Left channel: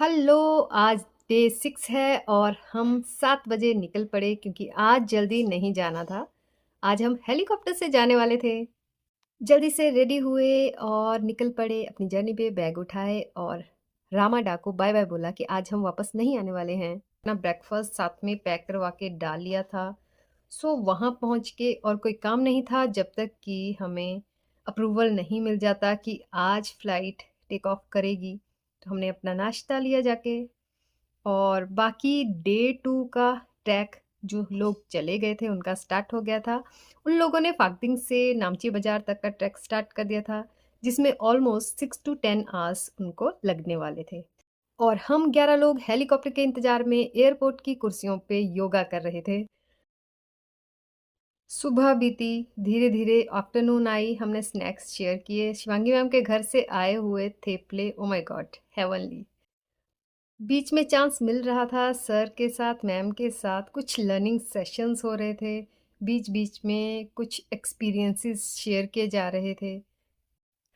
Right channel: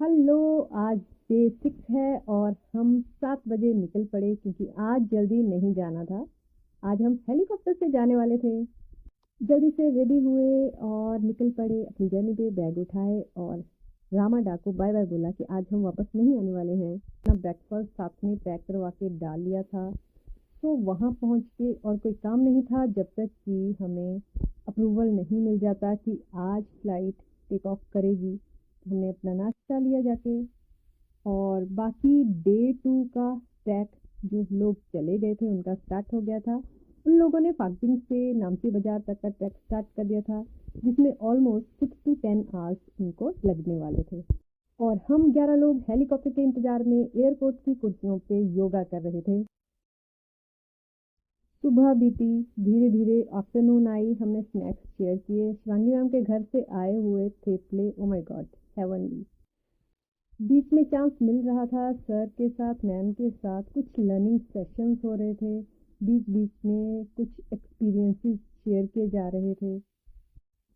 Hello, आज day 6 है और हम 7 बजे निकल पड़े क्योंकि आज जल्दी नहीं जाना था। आज हम हेलीकॉप्टर से जाने वाले थे। जल्दी से रेडी हुए और निकल पड़े अपनी जर्नी पे, बैग उठाए और रामाडा को बाय बाय बोला कि आज हम वापस नहीं आने वाले हैं। अपना ब्रेकफास्ट साथ में पैक करवा के डाल लिया था। सो वहाँ पहुँच के और कोई काम नहीं था जब तक कि हमें अप्रूवल नहीं मिल जाता कि आज फ़्लाइट टेक ऑफ करेगी। तो हमने अपना नाश्ता लिया जाके और बाकी डे 2 का ट्रैक जो लोग चले गए थे उनका स्टार्ट हो गया था। उन लोगों ने फाक्दिंग से नामची बाज़ार तक का ट्रैक स्टार्ट कर दिया था, जिसमें ऑलमोस्ट 6 टू 10 आवर्स उनको लगने वाले थे। और हम 11 लोग हेलीकॉप्टर के इंतज़ार में एयरपोर्ट की कुर्सियों पे योगा कर रहे थे। सुबह बीती, धीरे-धीरे आफ्टरनून आई, हमने स्नैक्स शेयर किए। शिवांगी मैम के घर से आए हुए थेपले, ओह माय गॉड! हेवनली। बीच में चांस मिल रहा था सर के साथ, मैम के साथ कुछ लर्निंग सेशंस हो रहे थे। बीच-बीच में कुछ एक्सपीरियंसेस शेयर किए जा रहे थे।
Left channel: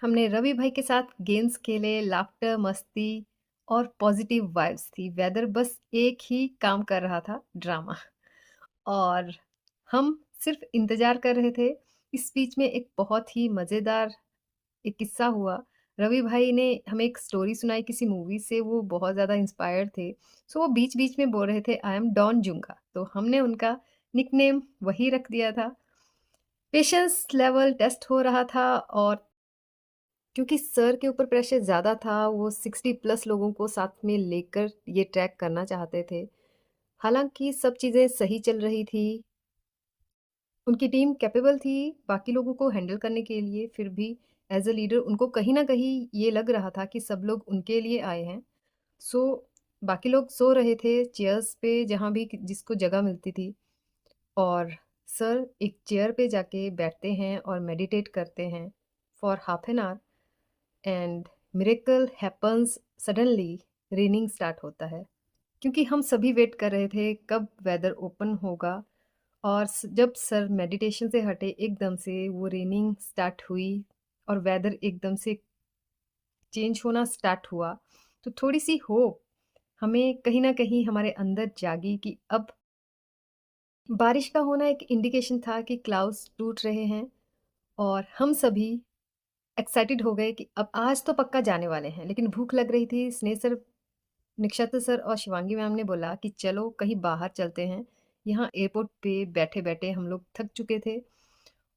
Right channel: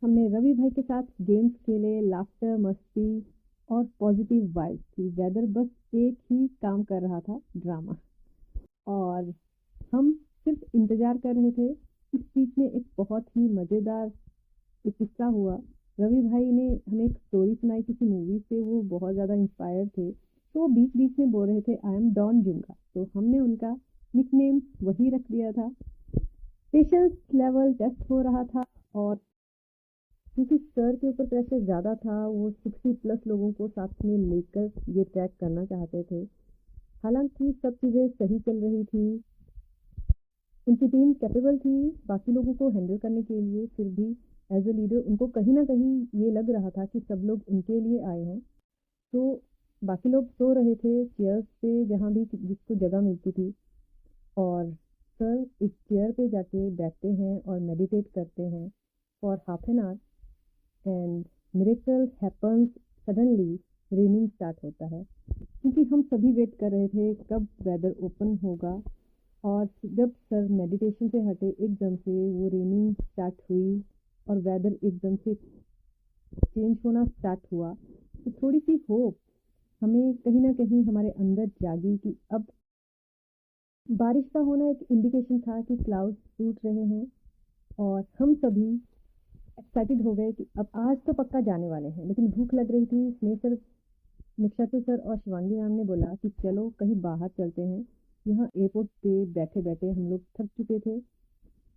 हमने रवि भाई के साथ गेम्स खेले, लाफ्टर, मस्ती और पॉजिटिव वाइब्स थी। वेदर बस एक ही काम कर रहा था, ड्रामा। और हम सिर्फ इंतज़ार कर रहे थे। इस बीच में एक बहुत ही मज़ेदार एक किस्सा हुआ। रवि भाई ने हमें एक स्टोरी सुनाई किसी मूवी से, वो बहुत ज़्यादा इंस्पायर्ड थे। सो वो बीच-बीच में बोल रहे थे आई एम डॉन जुंगा, तो हमने उनका निकनेम वही रख दिया था। पेशेंस लेवल टेस्ट हो रहा था और क्योंकि सर के ऊपर प्रेशर ज़्यादा था, वो 60 प्लस लोगों को साथ में लेकर ये ट्रैक करना चाहते थे। हालाँकि सब चीज़ें सही चल रही थी, उनकी टीम कैपेबल थी बाकी लोगों को हैंडल करने के लिए, फिर भी एज़ अ लीडर उनको कहीं न कहीं ये लग रहा था कि सब लोग उनके लिए आए हैं। सो बाकी लोग सो रहे थे चेयर्स पे जहाँ भी जिसको जगह मिलती थी और सर एक चेयर पे जाके बैठते हैं और मेडिटेट करते हैं for half an hour and miracle happens suddenly. Raining start होता है क्योंकि हम सभी वेट कर रहे थे कब वेदर ओपन होगा और जब सर मेडिटेशन से हटे एकदम से वो रेनिंग स्टार्ट हुई और वेदर एकदम से चेंज होना स्टार्ट हुआ। तो थोड़ी सी होप हमें कहीं ना कहीं हमारे अंदर जागी कि अब बारिश का होना एक इंडिकेशन था कि क्लाउड्स टूट रहे हैं और हम सभी एक्साइटेड हो गए कि अब आज तो पक्का जाने वाले हैं। लेकिन भूख लग रही थी। स्नेह सर, नक्षत्र सर और शिवांगी मैम ने बोला कि चलो कहीं बाहर चलते हैं। यहाँ एयरपोर्ट पे बैठे बैठे हम लोग थक चुके थे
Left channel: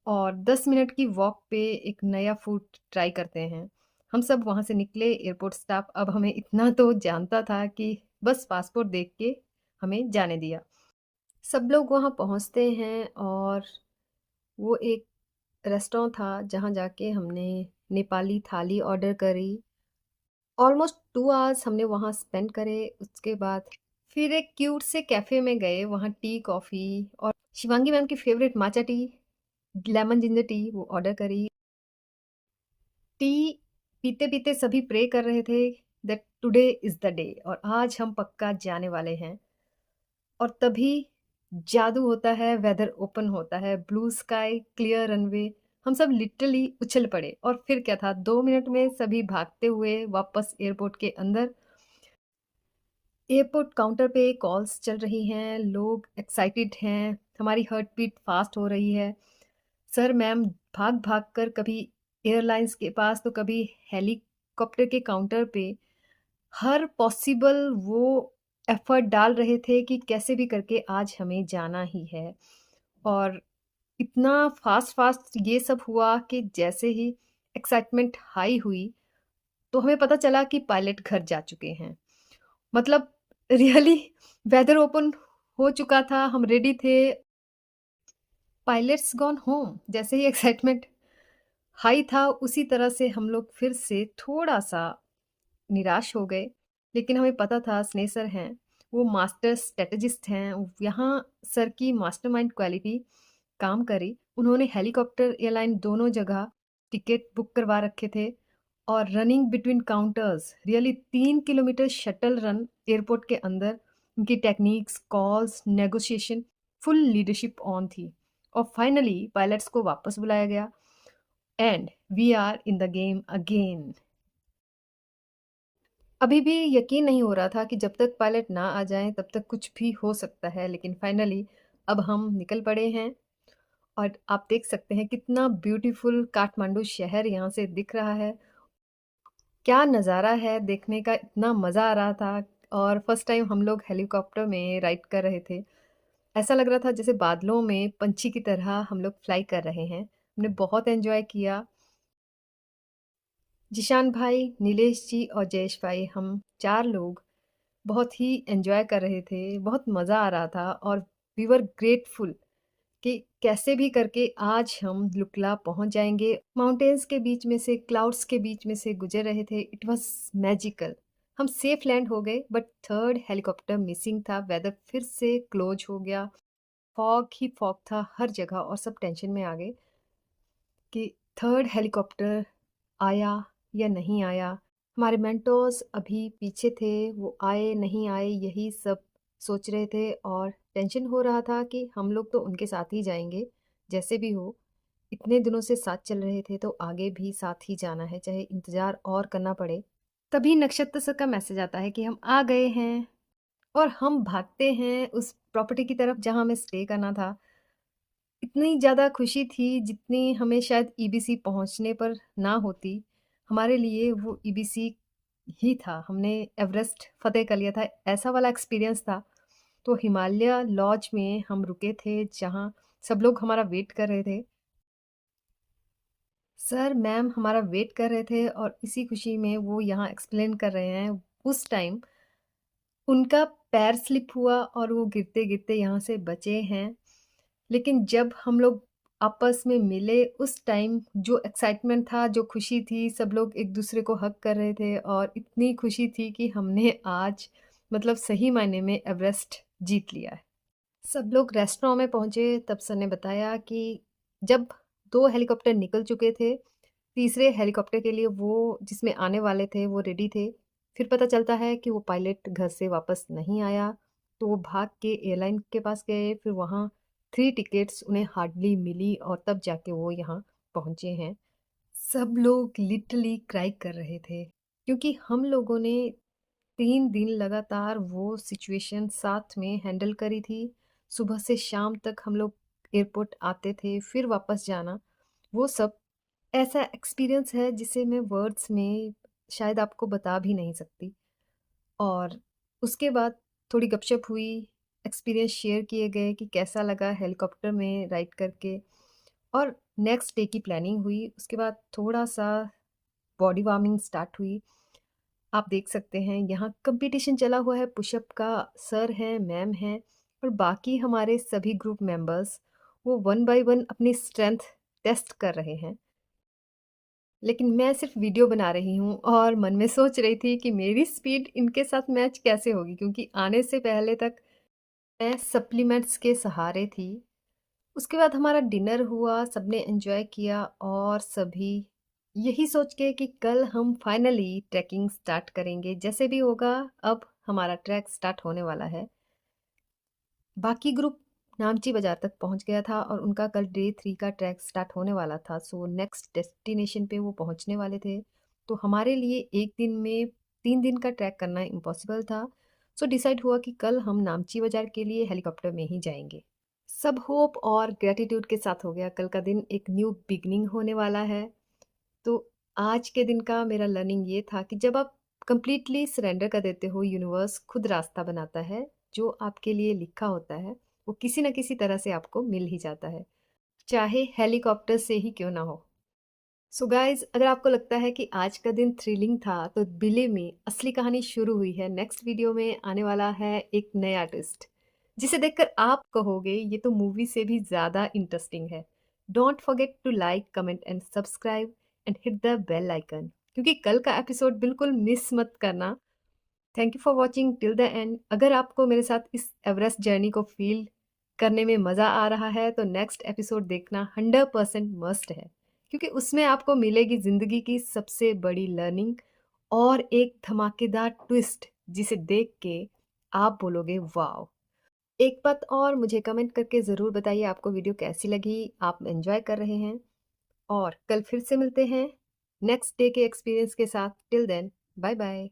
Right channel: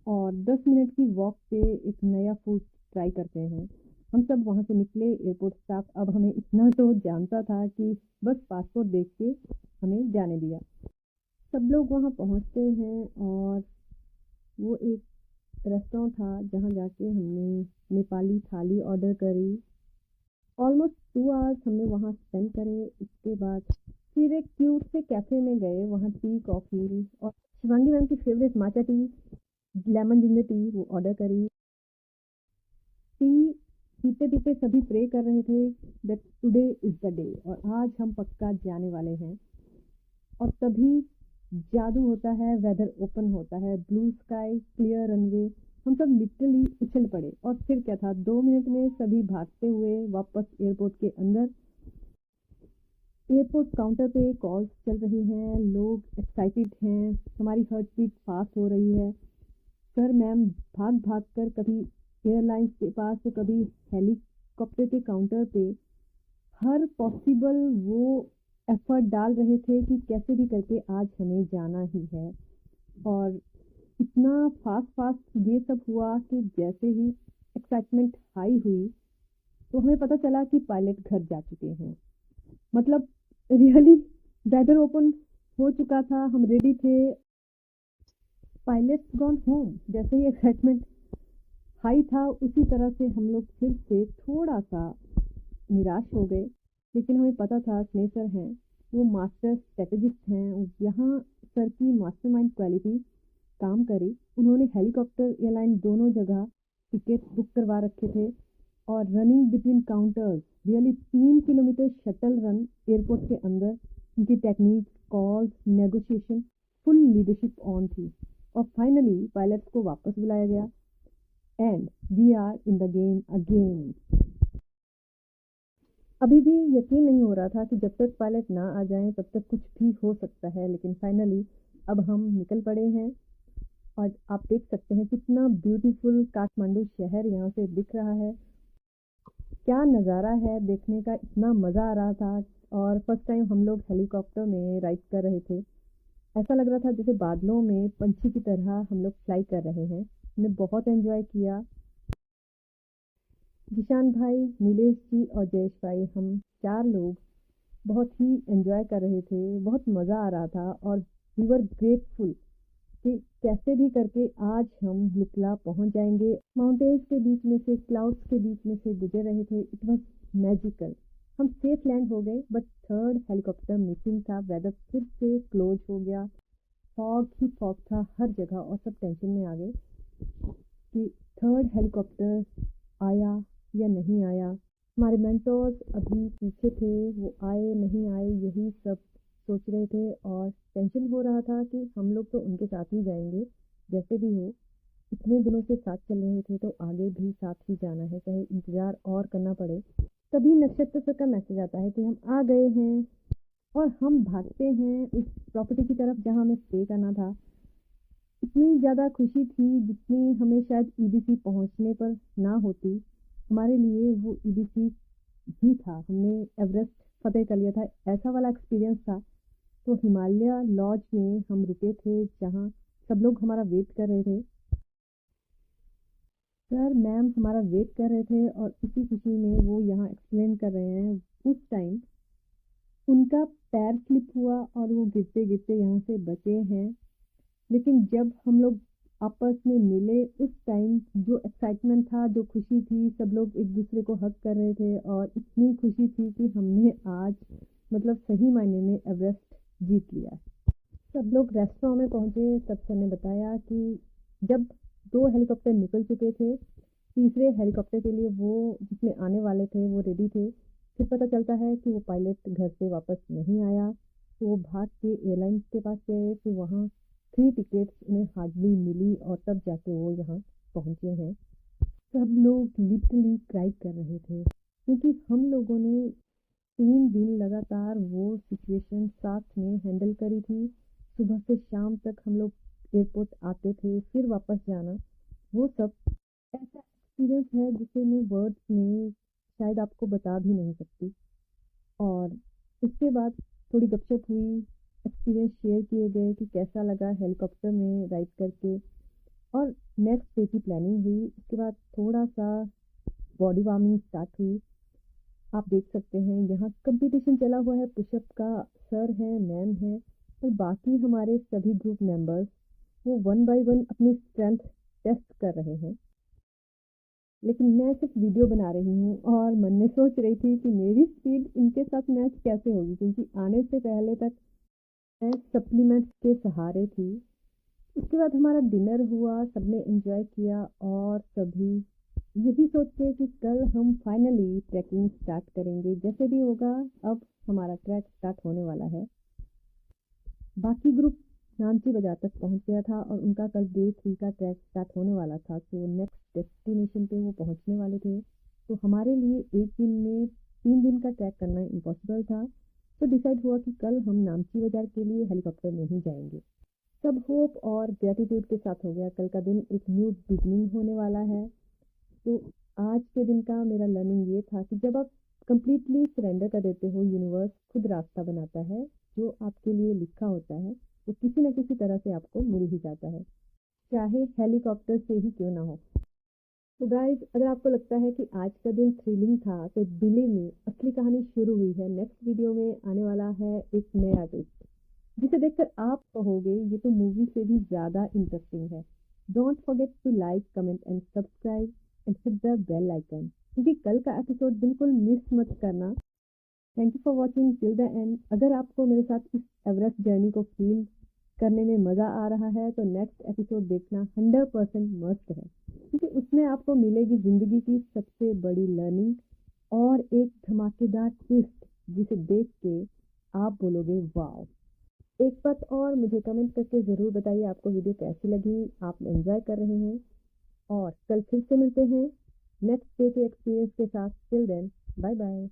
और 10 मिनट की वॉक पे एक नया फूड ट्राई करते हैं। हम सब वहाँ से निकले। एयरपोर्ट स्टाफ अब हमें इतना तो जानता था कि बस पासपोर्ट देख के हमें जाने दिया। सब लोग वहाँ पहुँचते हैं और वो एक रेस्टोरेंट था जहाँ जाके हमने नेपाली थाली ऑर्डर करी। ऑलमोस्ट 2 आवर्स हमने वहाँ स्पेंड करे। उसके बाद फिर एक क्यूट से कैफ़े में गए, वहाँ टी, कॉफ़ी और शिवांगी मैम की favourite matcha tea, lemon ginger tea वो ऑर्डर करी। टी पीते-पीते सभी प्रे कर रहे थे that today is the day और आज हम पक्का जाने वाले हैं। और तभी जादू होता है, वेदर ओपन होता है, ब्लू स्काई, क्लियर रनवे। हम सब लिटरली उछल पड़े और फिर क्या था, 2 मिनट में सभी भागते हुए वापस एयरपोर्ट के अंदर। एयरपोर्ट काउंटर पे कॉल्स चल रही हैं, लोग एक्साइटेड हैं, हमारी हार्ट बीट फास्ट हो रही है। सर मैम भाग-भाग कर कभी एयरलाइंस के पास तो कभी हेलीकॉप्टर के काउंटर पे हर पॉसिबल वो एफर्ट डाल रहे थे कि कैसे भी करके आज हमें जाना ही है। और इतना फास्ट ये सब हुआ कि जैसे ही एक्साइटमेंट हाई हुई तो हमें पता चला कि पायलट घर जा चुके हैं। मतलब रियली वेदर ओपन हो चुका था, हम रेडी थे। पायलट्स गॉन होम जैसे ही एक्साइटमेंट हाई था उसी तरह से हम लोग फिर से थोड़ा सा निराश हो गए। लेकिन हमें पता था स्नेह सर हैं, वो मास्टर स्ट्रेटेजिस्ट हैं। यहाँ सर की मास्टरमाइंड क्वालिटी काम करी। उन्होंने हेलीकॉप्टर, एयरलाइन दोनों जगह टिकट बुक करवा रखे थे और running between counters really 3 kilometre shuttle run airport के अंदर। उनकी techniques, calls, negotiation, full leadership on थी। और फाइनली पायलट्स को वापस बुलाया गया and we are in the game again. अभी भी यकीन नहीं हो रहा था कि जब तक पायलट ना आ जाएँ तब तक कुछ भी हो सकता है, लेकिन फाइनली अब हम निकल पड़े हैं और आप देख सकते हैं कितना ब्यूटीफुल काठमांडू शहर यहाँ से दिख रहा है। क्या नज़ारा है देखने का, इतना मज़ा आ रहा था। और फर्स्ट टाइम हम लोग हेलीकॉप्टर में राइड कर रहे थे। ऐसा लग रहा था जैसे बादलों में पंछी की तरह हम लोग फ्लाई कर रहे हैं। हमने बहुत एन्जॉय किया। जिशान भाई, नीलेश जी और जयेश भाई, हम 4 लोग बहुत ही एन्जॉय कर रहे थे। बहुत मज़ा आ रहा था और वी वर ग्रेटफुल कि कैसे भी करके आज हम लुकला पहुंच जाएंगे। माउंटेन्स के बीच में से, क्लाउड्स के बीच में से गुजर रहे थे। It was magical. हम सेफ लैंड हो गए, बट थर्ड हेलीकॉप्टर मिसिंग था। वेदर फिर से क्लोज हो गया। फॉग ही फॉग था हर जगह और सब टेंशन में आ गए कि थर्ड हेलीकॉप्टर आया या नहीं आया। हमारे मेंटोर्स अभी पीछे थे, वो आए नहीं आए यही सब सोच रहे थे और टेंशन हो रहा था कि हम लोग तो उनके साथ ही जाएंगे जैसे भी हो। इतने दिनों से साथ चल रहे थे तो आगे भी साथ ही जाना है, चाहे इंतज़ार और करना पड़े। तभी नक्षत्र सर का मैसेज आता है कि हम आ गए हैं और हम भागते हैं उस प्रॉपर्टी की तरफ जहाँ हमें स्टे करना था। इतनी ज़्यादा खुशी थी जितनी हमें शायद ईबीसी पहुँचने पर ना होती। हमारे लिए वो ईबीसी ही था। हमने एवरेस्ट फ़तेह कर लिया था, ऐसा वाला एक्सपीरियंस था। तो हिमालय लॉज में हम रुके थे जहाँ सब लोग हमारा वेट कर रहे थे। सर मैम हमारा वेट कर रहे थे और इसी खुशी में वो यहाँ एक्सप्लेन कर रहे हैं। उस टाइम उनका पैर स्लिप हुआ और वो गिरते-गिरते यहाँ से बचे हैं। लेकिन जब हम लोग आपस में मिले उस टाइम जो एक्साइटमेंट था, जो खुशी थी, सब लोग एक-दूसरे को हग कर रहे थे और इतनी खुशी थी कि हमने आज मतलब सही मायने में एवरेस्ट जीत लिया है। सब लोग रेस्टोरेंट में पहुँचे तब सर ने बताया कि जब 2 हेलीकॉप्टर निकल चुके थे, तीसरे हेलीकॉप्टर के लिए वो जिसमें आने वाले थे वो रेडी थे। फिर पता चलता है कि वो पायलट घर से वापस नहीं आया, तो वो भाग के एयरलाइन के पास गए। फिर वहाँ 3 टिकट्स उन्हें हार्डली मिली और तब जाके वो यहाँ पहुँचे हैं। सब लोग लिटरली क्राई कर रहे थे क्योंकि हम लोगों ने 3 दिन लगातार वो सिचुएशन साथ में हैंडल करी थी। सुबह से शाम तक हम लोग एयरपोर्ट आते थे, फिर वापस जाना, वो सब ऐसा एक्सपीरियंस है जिसे मैं वर्ड्स में शायद आपको बता भी नहीं सकती। और उसके बाद थोड़ी गपशप हुई, एक्सपीरियंस शेयर किए गए कि कैसा लगा हेलीकॉप्टर में राइड करके। और नेक्स्ट डे की प्लानिंग हुई। उसके बाद थोड़ा-सा बॉडी वार्मिंग स्टार्ट हुई। आप देख सकते हैं यहाँ कंपटीशन चला हुआ है पुशअप का। सर हैं, मैम हैं और बाकी हमारे सभी ग्रुप मेंबर्स वो वन बाय वन अपनी स्ट्रेंथ टेस्ट कर रहे हैं। लेकिन मैं सिर्फ वीडियो बना रही हूँ और मन में सोच रही थी कि मेरी स्पीड इनके साथ मैच कैसे होगी, क्योंकि आने से पहले तक मैं सप्लीमेंट्स के सहारे थी। उसके बाद हमारा डिनर हुआ, सबने एंजॉय किया और सभी यही सोच के कि कल हम फाइनली ट्रैकिंग स्टार्ट करेंगे। जैसे भी होगा अब हमारा ट्रैक स्टार्ट होने वाला है। बाकी ग्रुप नामची बाज़ार तक पहुंच गया था और उनका कल डे 3 का ट्रैक स्टार्ट होने वाला था। सो नेक्स्ट डेस्टिनेशन पे वो पहुंचने वाले थे। तो हमारे लिए एक दिन में 3 दिन का ट्रैक करना इम्पॉसिबल था। सो डिसाइड हुआ कि कल हम नामची बाज़ार के लिए हेलीकॉप्टर में ही जाएंगे। सब होप और ग्रैटिट्यूड के साथ हो गया। कल का दिन एक न्यू बिगनिंग होने वाला है। तो आज के दिन का मेरा लर्निंग ये था कि जब आप कंप्लीटली सरेंडर कर देते हो, यूनिवर्स खुद रास्ता बनाता है। जो आपके लिए लिखा होता है वो किसी न किसी तरह से आपको मिल ही जाता है, चाहे हेलीकॉप्टर से ही क्यों ना हो। सो गाइज, अगर आपको लगता है कि आज का दिन थ्रिलिंग था तो बिलीव मी, असली कहानी शुरू हुई है। नेक्स्ट वीडियो में आने वाला है एक नया ट्विस्ट जिसे देखकर आप कहोगे ये तो मूवी से भी ज़्यादा इंटरेस्टिंग है। Don't forget to like, comment and subscribe and hit the bell icon, क्योंकि कल का एपिसोड बिल्कुल मिस मत करना। Thank you for watching till the end. अगर आपको मेरे साथ इस एवरेस्ट जर्नी को फील करने में मज़ा आ रहा है तो नेक्स्ट एपिसोड देखना 100% मस्ट है, क्योंकि उसमें आपको मिलेगी ज़िंदगी की सबसे बड़ी लर्निंग और एक धमाकेदार ट्विस्ट जिसे देख के आप बोलोगे वाओ। एक बात और, मुझे कमेंट करके ज़रूर बताइए आपको वीडियो कैसी लगी, आप एंजॉय कर रहे हैं। और कल फिर से मिलते हैं नेक्स्ट डे के एक्सपीरियंस के साथ। Till then, bye bye.